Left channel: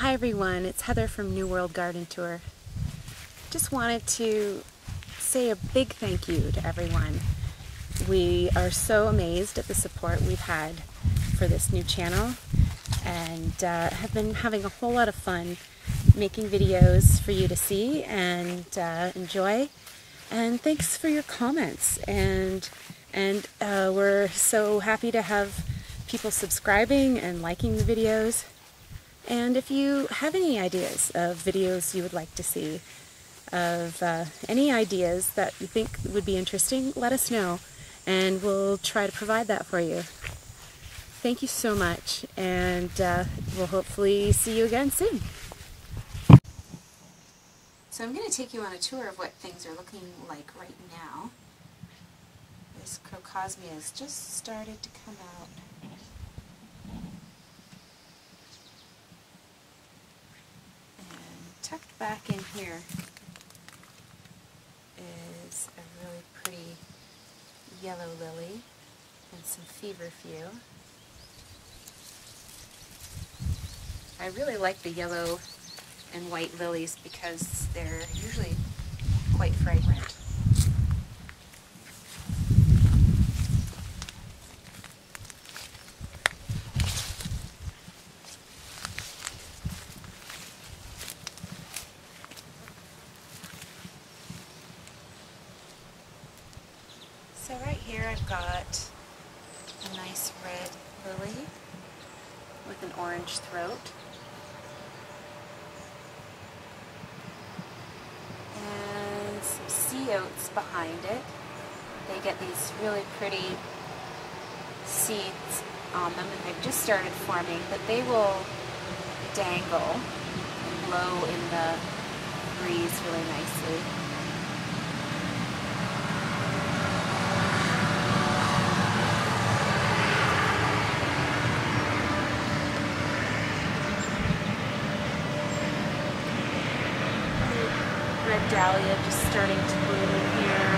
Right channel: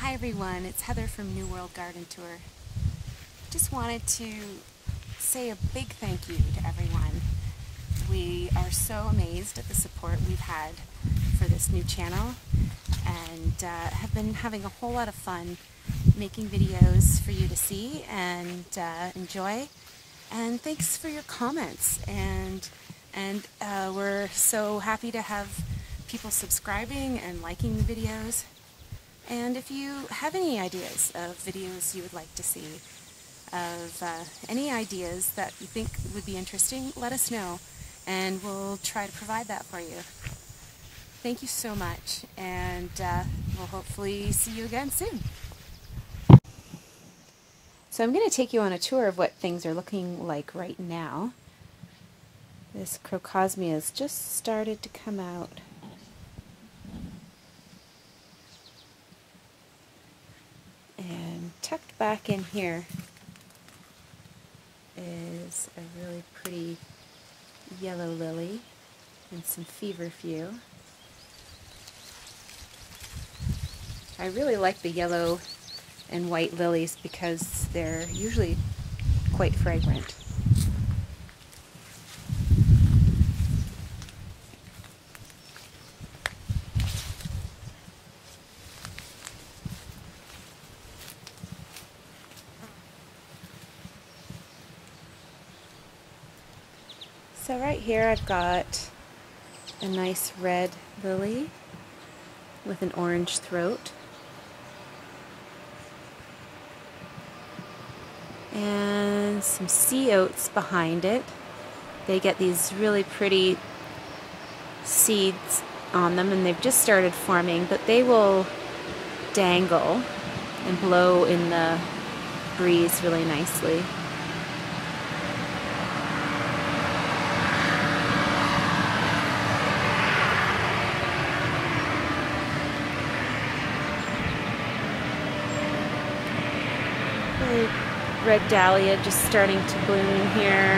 Hi everyone, it's Heather from New World Garden Tour. Just wanted to say a big thank you to everyone. We are so amazed at the support we've had for this new channel and have been having a whole lot of fun making videos for you to see and enjoy. And thanks for your comments, and we're so happy to have people subscribing and liking the videos. And if you have any ideas of videos you would like to see, of any ideas that you think would be interesting, let us know and we'll try to provide that for you. Thank you so much, and we'll hopefully see you again soon. So I'm going to take you on a tour of what things are looking like right now. This crocosmia has just started to come out. And tucked back in here is a really pretty yellow lily and some feverfew. I really like the yellow and white lilies because they're usually quite fragrant. So right here I've got a nice red lily with an orange throat. And some sea oats behind it. They get these really pretty seeds on them and they've just started forming, but they will dangle and blow in the breeze really nicely. Red dahlia just starting to bloom here.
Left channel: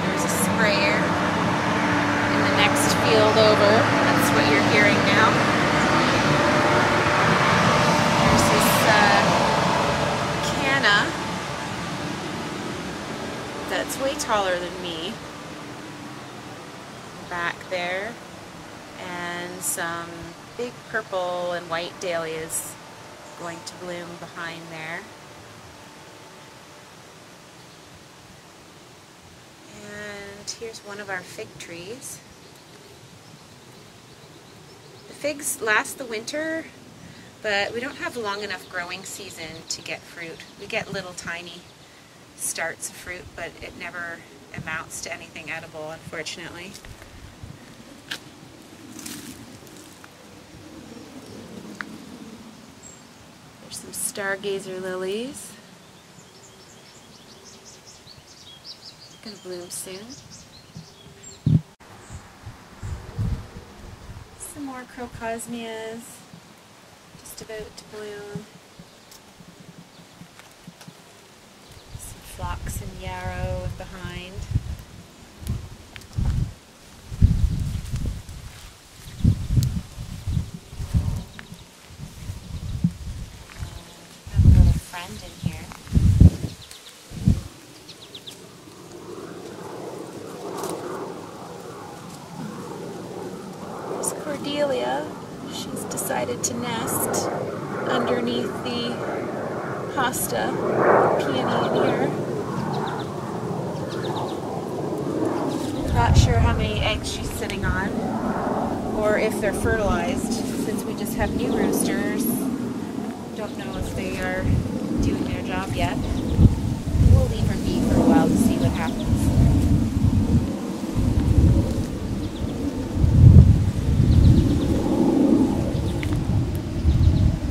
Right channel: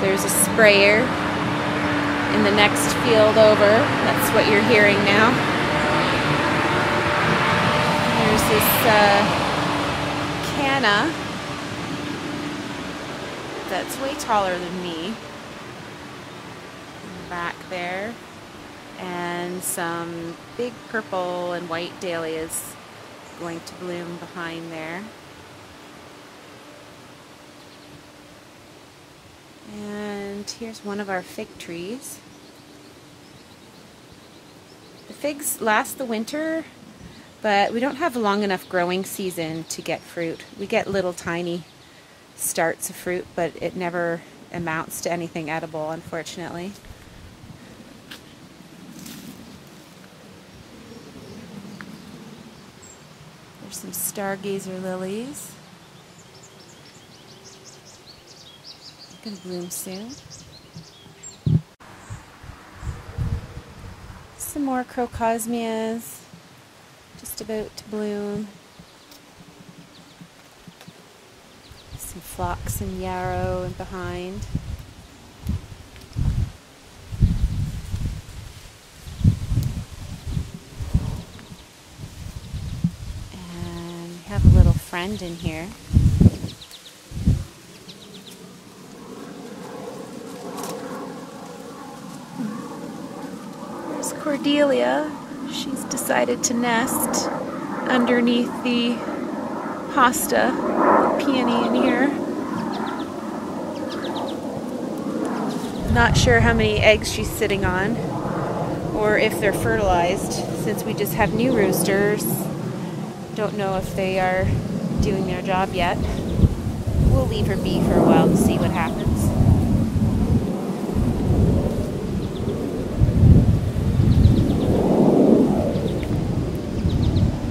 There's a sprayer in the next field over. That's what you're hearing now. There's this canna that's way taller than me. Back there. And some big purple and white dahlias going to bloom behind there. And here's one of our fig trees. The figs last the winter, but we don't have long enough growing season to get fruit. We get little tiny starts of fruit, but it never amounts to anything edible, unfortunately. Some stargazer lilies. Gonna bloom soon. Some more crocosmias just about to bloom. Some phlox and yarrow and behind. Friend in here. There's Cordelia. She's decided to nest underneath the hosta peony in here. Not sure how many eggs she's sitting on or if they're fertilized, since we just have new roosters. Don't know if they are doing their job yet. We'll leave her be for a while to see what happens.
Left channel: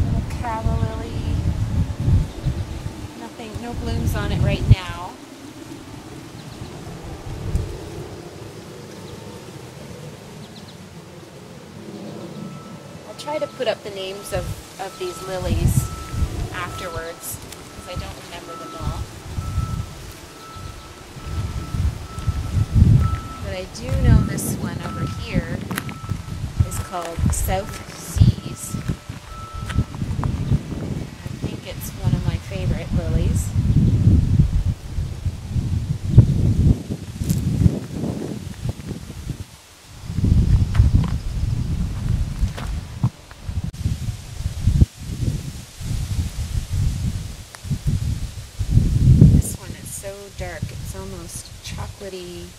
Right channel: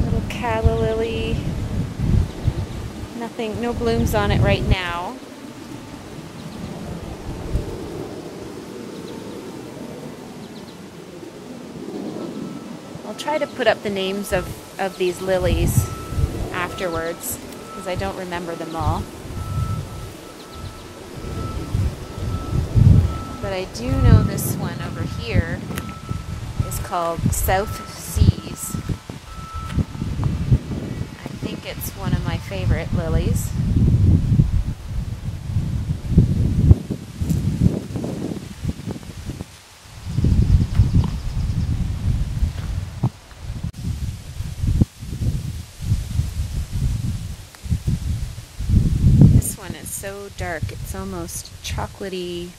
Little calla lily. Nothing, no blooms on it right now. I'll try to put up the names of these lilies afterwards, because I don't remember them all. But I do know this one over here is called South Seas. I think it's one of my favorite lilies. This one is so dark, it's almost chocolatey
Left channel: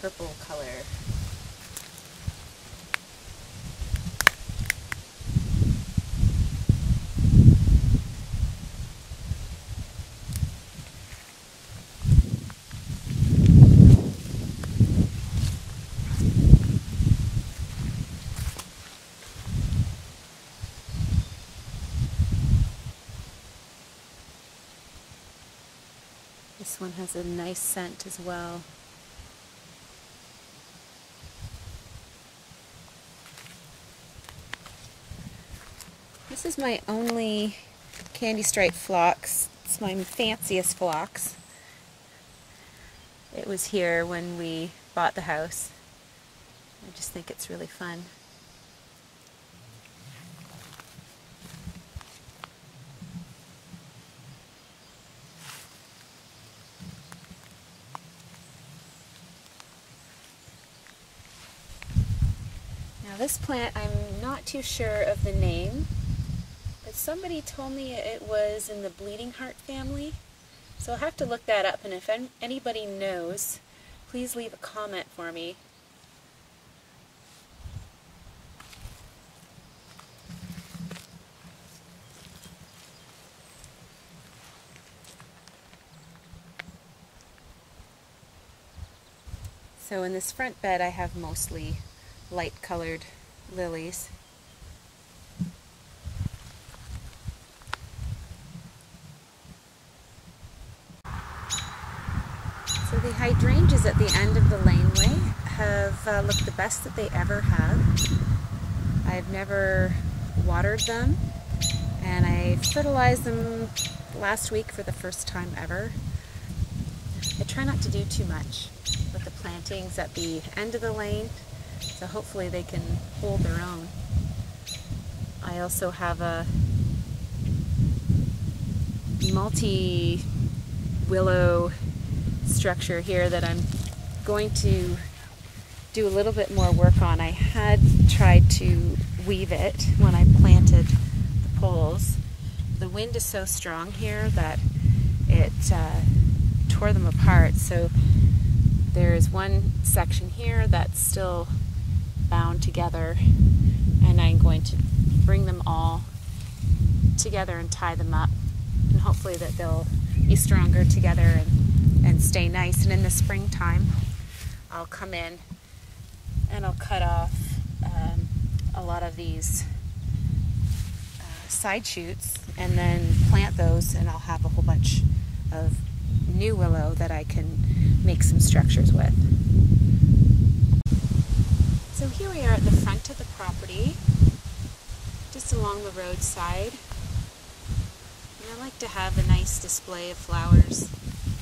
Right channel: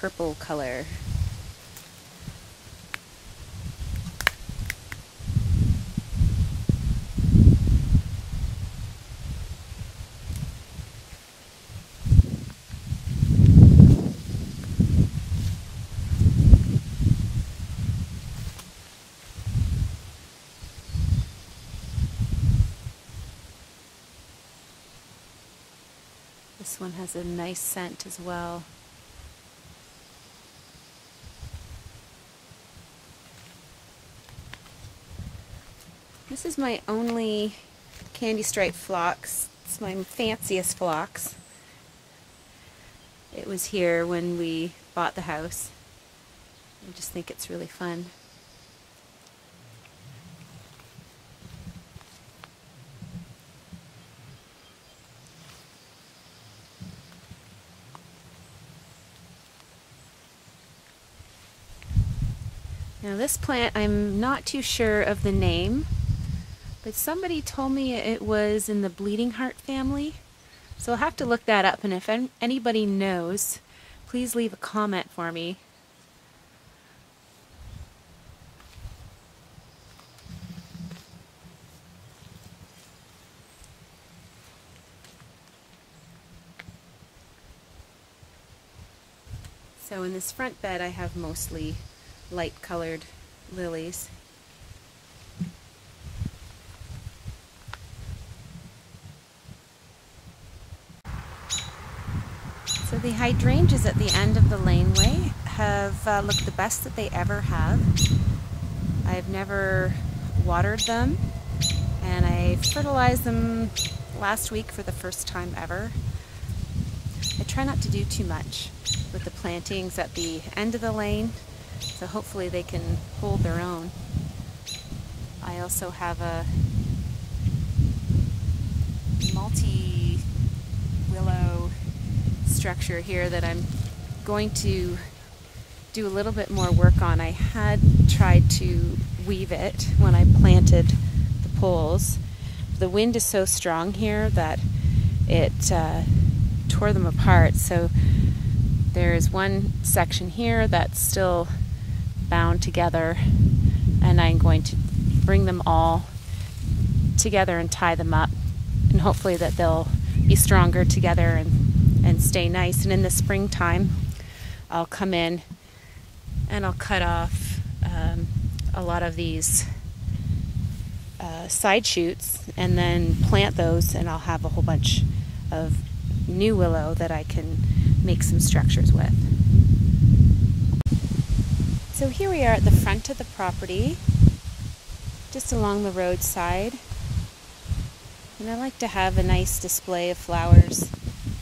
purple color. This one has a nice scent as well. This is my only candy stripe phlox. It's my fanciest phlox. It was here when we bought the house. I just think it's really fun. Now this plant, I'm not too sure of the name, but somebody told me it was in the bleeding heart family. So I'll have to look that up, and if anybody knows, please leave a comment for me. So in this front bed I have mostly light colored lilies. So the hydrangeas at the end of the laneway have looked the best that they ever have. I've never watered them, and I fertilized them last week for the first time ever. I try not to do too much with the plantings at the end of the lane, so hopefully they can hold their own. I also have a multi-willow structure here that I'm going to do a little bit more work on. I had tried to weave it when I planted the poles. The wind is so strong here that it tore them apart, so there's one section here that's still bound together, and I'm going to bring them all together and tie them up, and hopefully that they'll be stronger together and stay nice. And in the springtime I'll come in and I'll cut off a lot of these side shoots and then plant those, and I'll have a whole bunch of new willow that I can make some structures with. So here we are at the front of the property, just along the roadside, and I like to have a nice display of flowers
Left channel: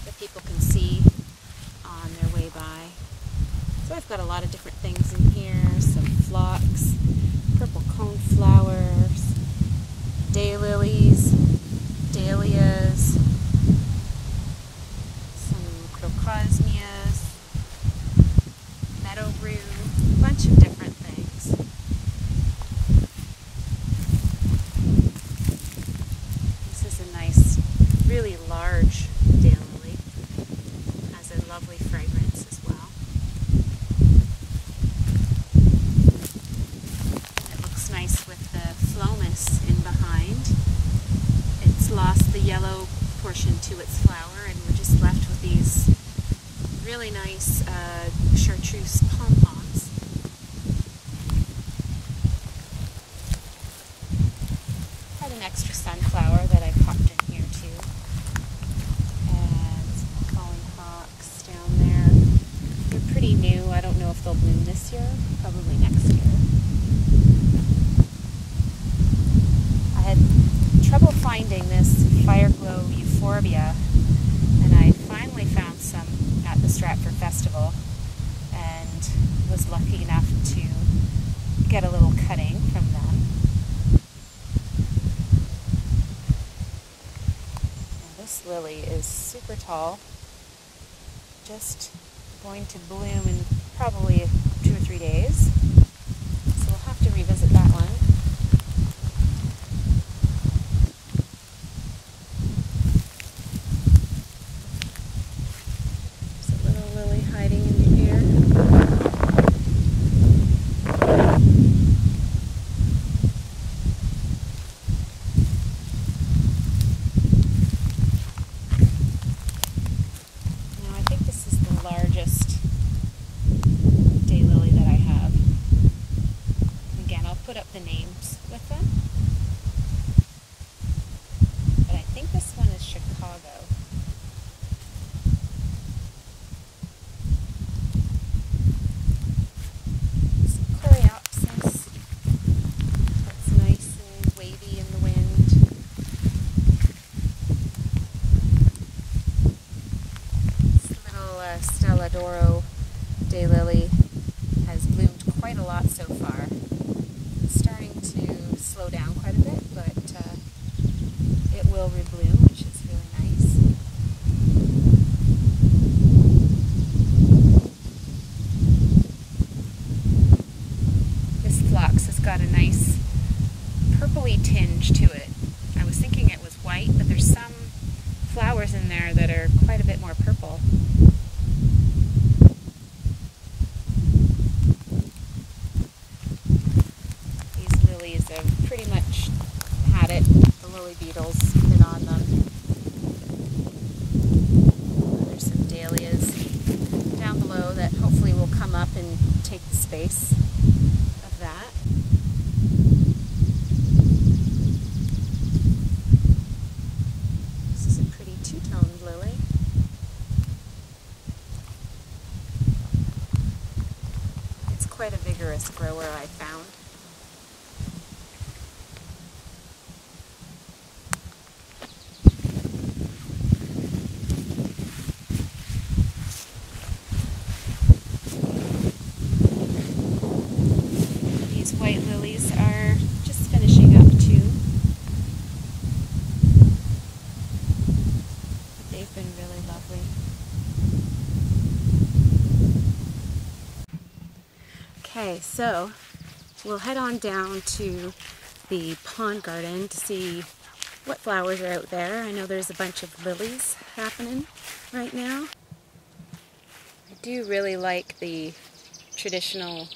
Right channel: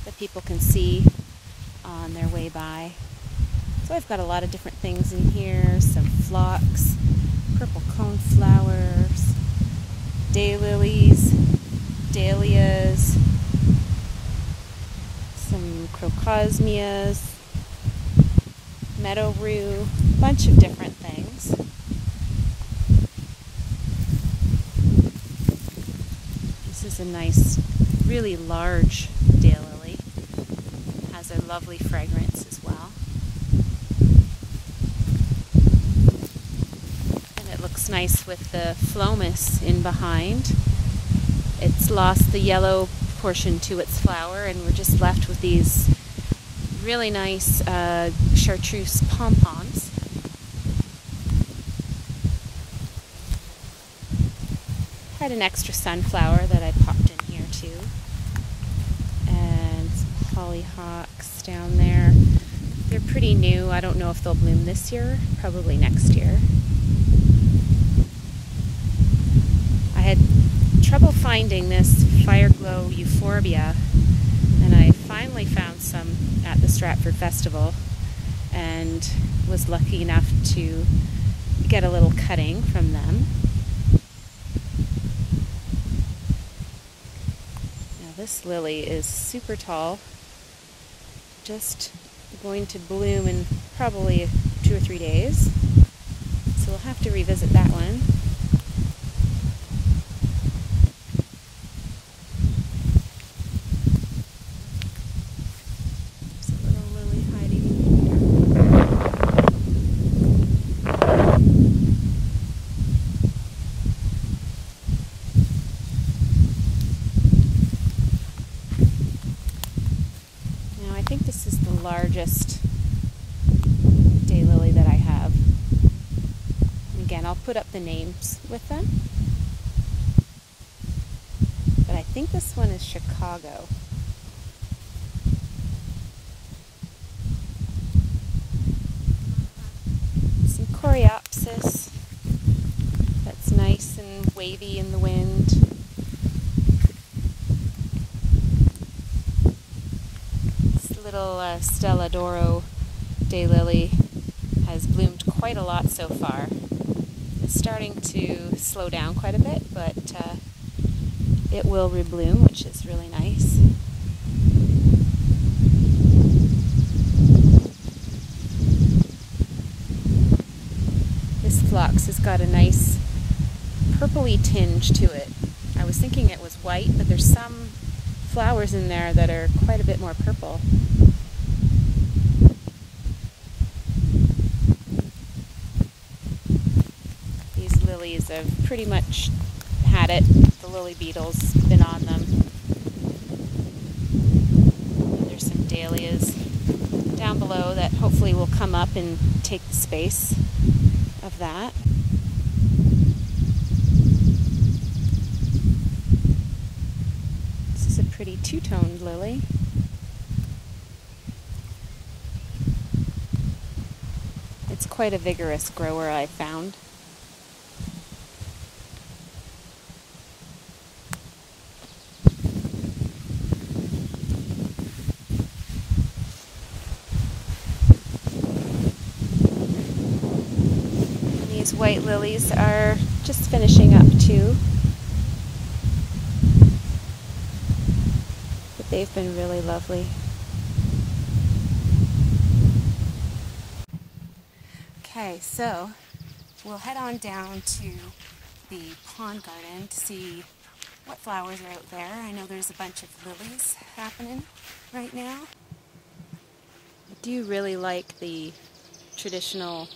that people can see on their way by. So I've got a lot of different things in here, some phlox, purple coneflowers, daylilies, dahlias, some crocosmias, meadow rue, a bunch of different things. This is a nice, really large daylily. Has a lovely fragrance as well. And it looks nice with the phlomis in behind. It's lost the yellow portion to its flower, and we're just left with these really nice chartreuse pom-poms. Had an extra sunflower that I popped in here too, and hollyhocks down there. They're pretty new. I don't know if they'll bloom this year, probably next year. I had trouble finding this Fireglow euphorbia, and I finally found some at the Stratford Festival and was lucky enough to get a little cutting from them. Now this lily is super tall, just going to bloom in probably 2 or 3 days. So we'll have to revisit that one. There's a little lily hiding in here. Now I think this is the largest daylily that I have. Again, I'll put up the names with them. But I think this one is Chicago. Some coreopsis. That's nice and wavy in the wind. This little Stella d'Oro daylily has bloomed quite a lot so far. It's starting to slow down quite a bit, but it will rebloom, which is really nice. This phlox has got a nice purpley tinge to it. I was thinking it was white, but there's some flowers in there that are quite a bit more purple. Lilies have pretty much had it. The lily beetle's been on them. There's some dahlias down below that hopefully will come up and take the space of that. This is a pretty two-toned lily. It's quite a vigorous grower, I found. White lilies are just finishing up too, but they've been really lovely. Okay, so we'll head on down to the pond garden to see what flowers are out there. I know there's a bunch of lilies happening right now. I do really like the traditional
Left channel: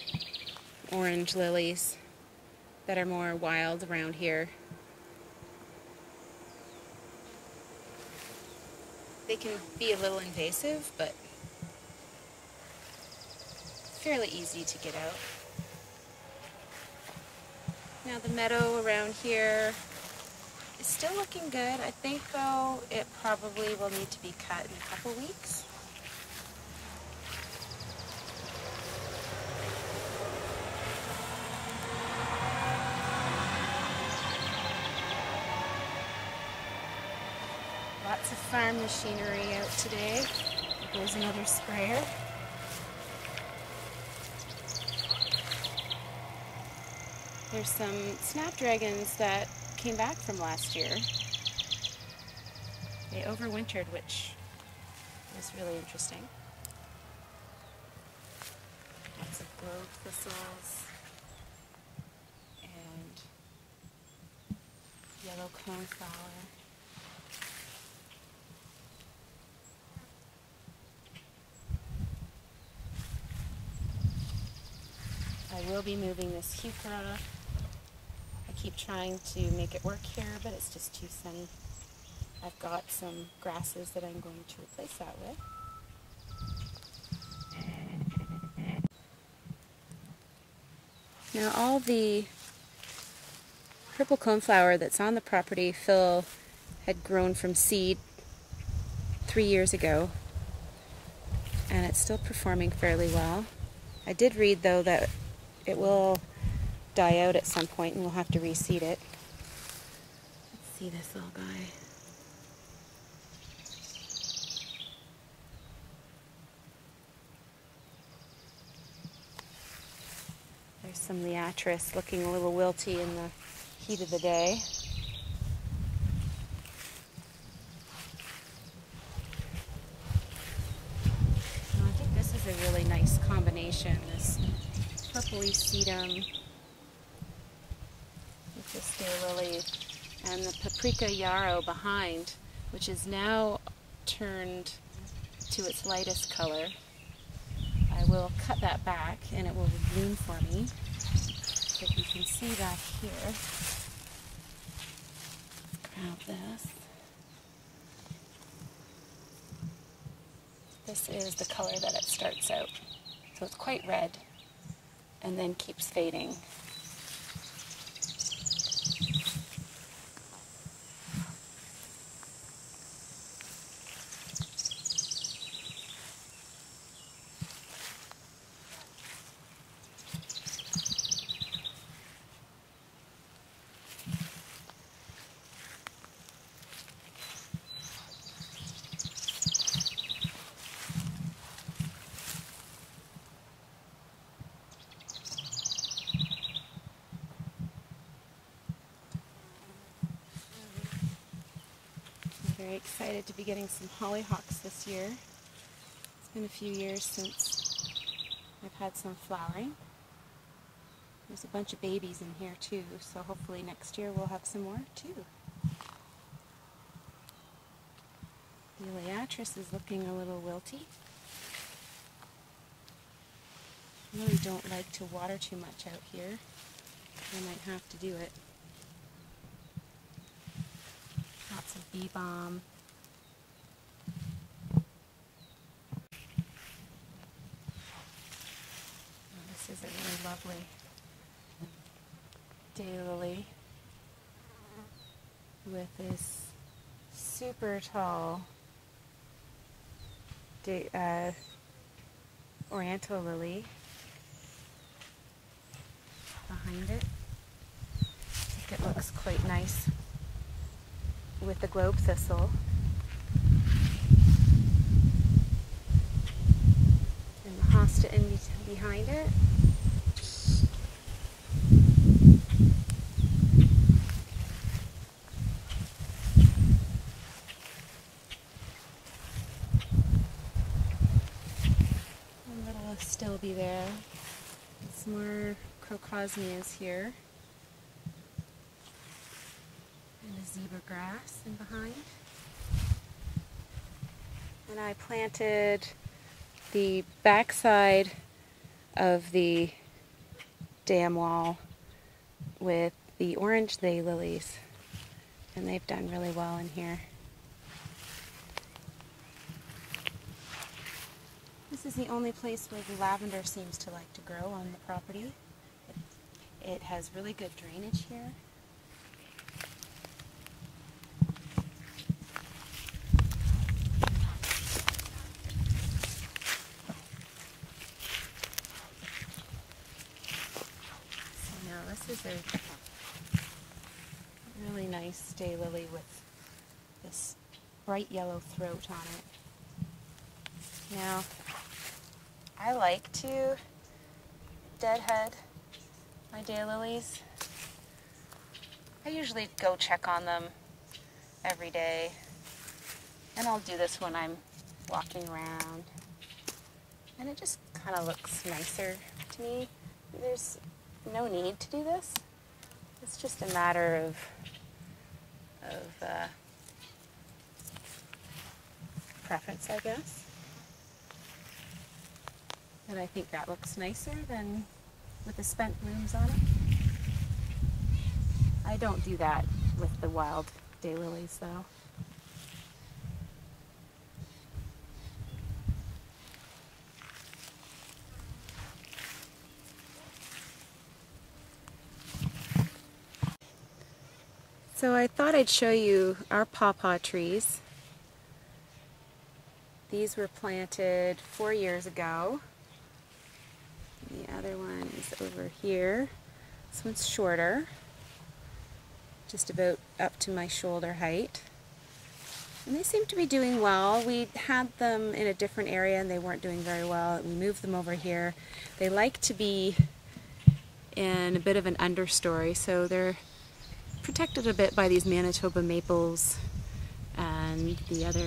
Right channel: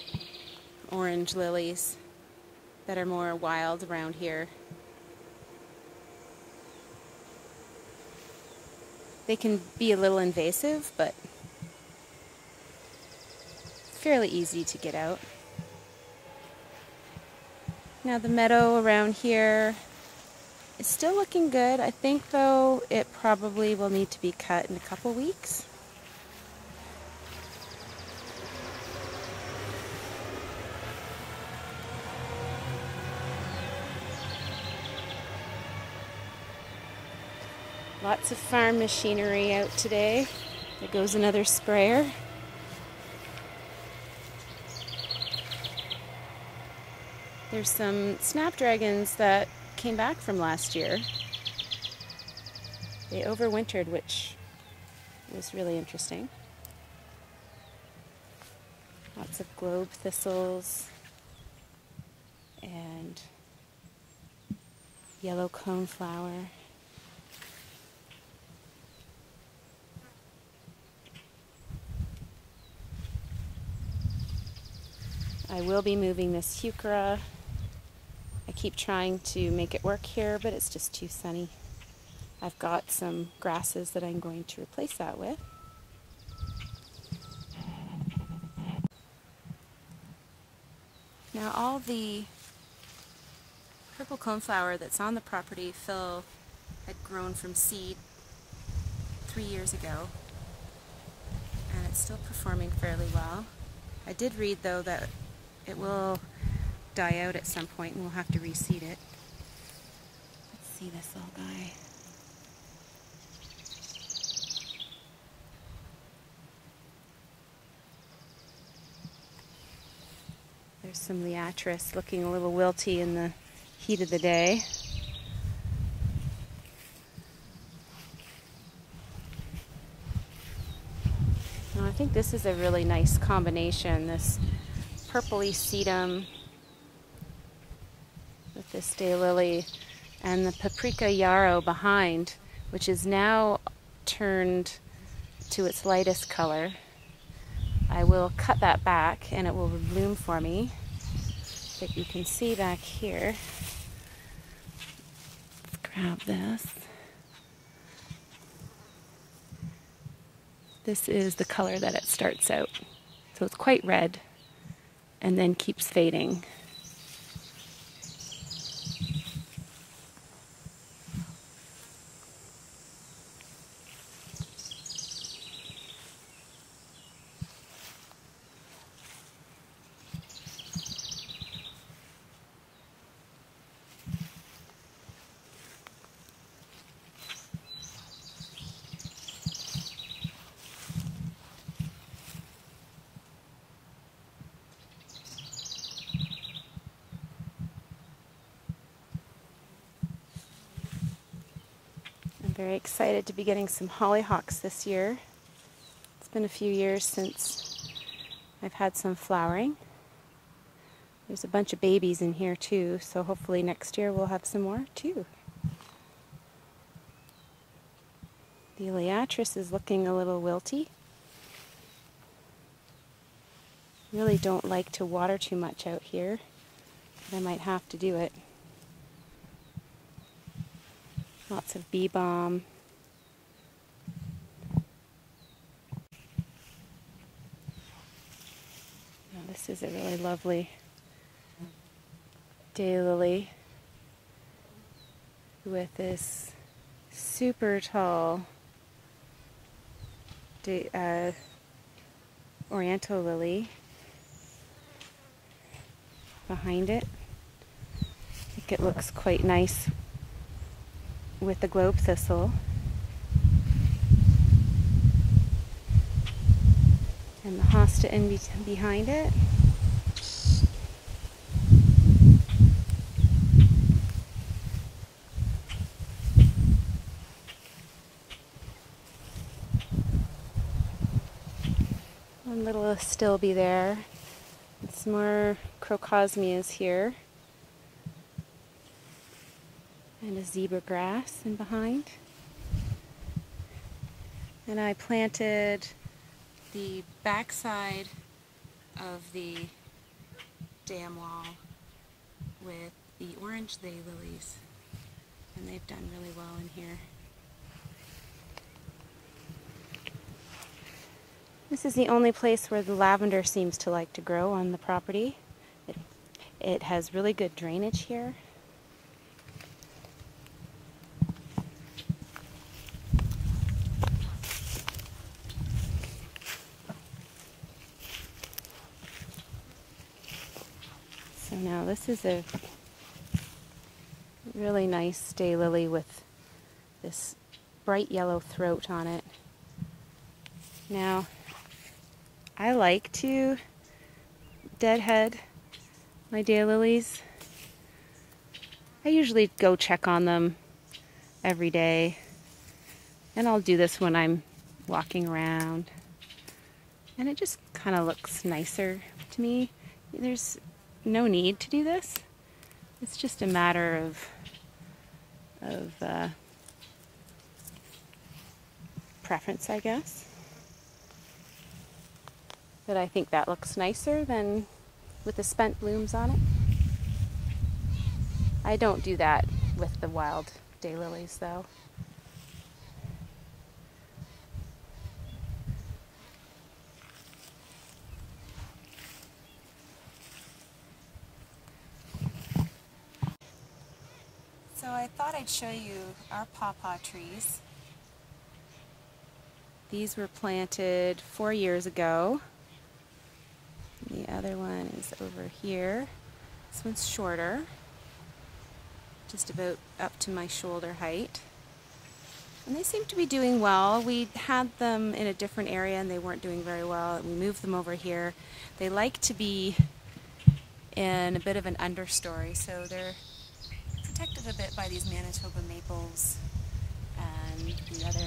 orange lilies that are more wild around here. They can be a little invasive, but fairly easy to get out. Now the meadow around here is still looking good. I think though it probably will need to be cut in a couple weeks. Lots of farm machinery out today. There goes another sprayer. There's some snapdragons that came back from last year. They overwintered, which was really interesting. Lots of globe thistles and yellow coneflower. I will be moving this heuchera. I keep trying to make it work here, but it's just too sunny. I've got some grasses that I'm going to replace that with. Now all the purple coneflower that's on the property Phil had grown from seed 3 years ago, and it's still performing fairly well. I did read though that it will die out at some point and we'll have to reseed it. Let's see this little guy. There's some Liatris looking a little wilty in the heat of the day. Now, I think this is a really nice combination, this purpley sedum with this daylily and the paprika yarrow behind, which is now turned to its lightest color. I will cut that back and it will bloom for me. But you can see back here, let's grab this. This is the color that it starts out. So it's quite red and then keeps fading. I'm very excited to be getting some hollyhocks this year. It's been a few years since I've had some flowering. There's a bunch of babies in here too, so hopefully next year we'll have some more too. The Liatris is looking a little wilty. Really don't like to water too much out here, but I might have to do it. Lots of bee balm. And this is a really lovely daylily with this super tall oriental lily behind it. I think it looks quite nice with the globe thistle. And the hosta in behind it. One little astilbe there. And some more crocosmias here. And a zebra grass in behind. And I planted the backside of the dam wall with the orange daylilies, and they've done really well in here. This is the only place where the lavender seems to like to grow on the property. It has really good drainage here. So now this is a really nice daylily with this bright yellow throat on it. Now, I like to deadhead my daylilies. I usually go check on them every day, and I'll do this when I'm walking around, and it just kind of looks nicer to me. There's no need to do this. It's just a matter of preference, I guess. But I think that looks nicer than with the spent blooms on it. I don't do that with the wild daylilies though. So I thought I'd show you our pawpaw trees. These were planted 4 years ago. The other one is over here. This one's shorter, just about up to my shoulder height. And they seem to be doing well. We had them in a different area and they weren't doing very well. We moved them over here. They like to be in a bit of an understory, so they're protected a bit by these Manitoba maples and the other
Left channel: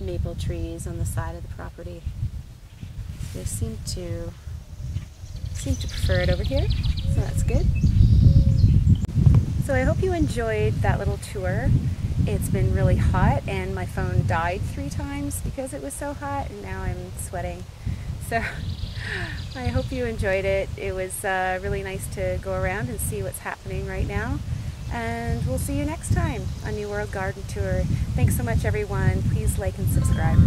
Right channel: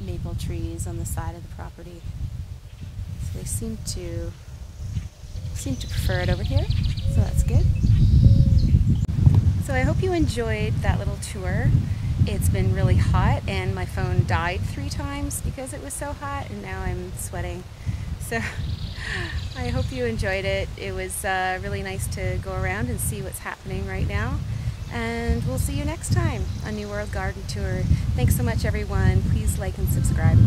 maple trees on the side of the property. So they seem to prefer it over here, so that's good. So I hope you enjoyed that little tour. It's been really hot and my phone died 3 times because it was so hot, and now I'm sweating. So I hope you enjoyed it. It was really nice to go around and see what's happening right now. And we'll see you next time on New World Garden Tour. Thanks so much, everyone. Please like and subscribe.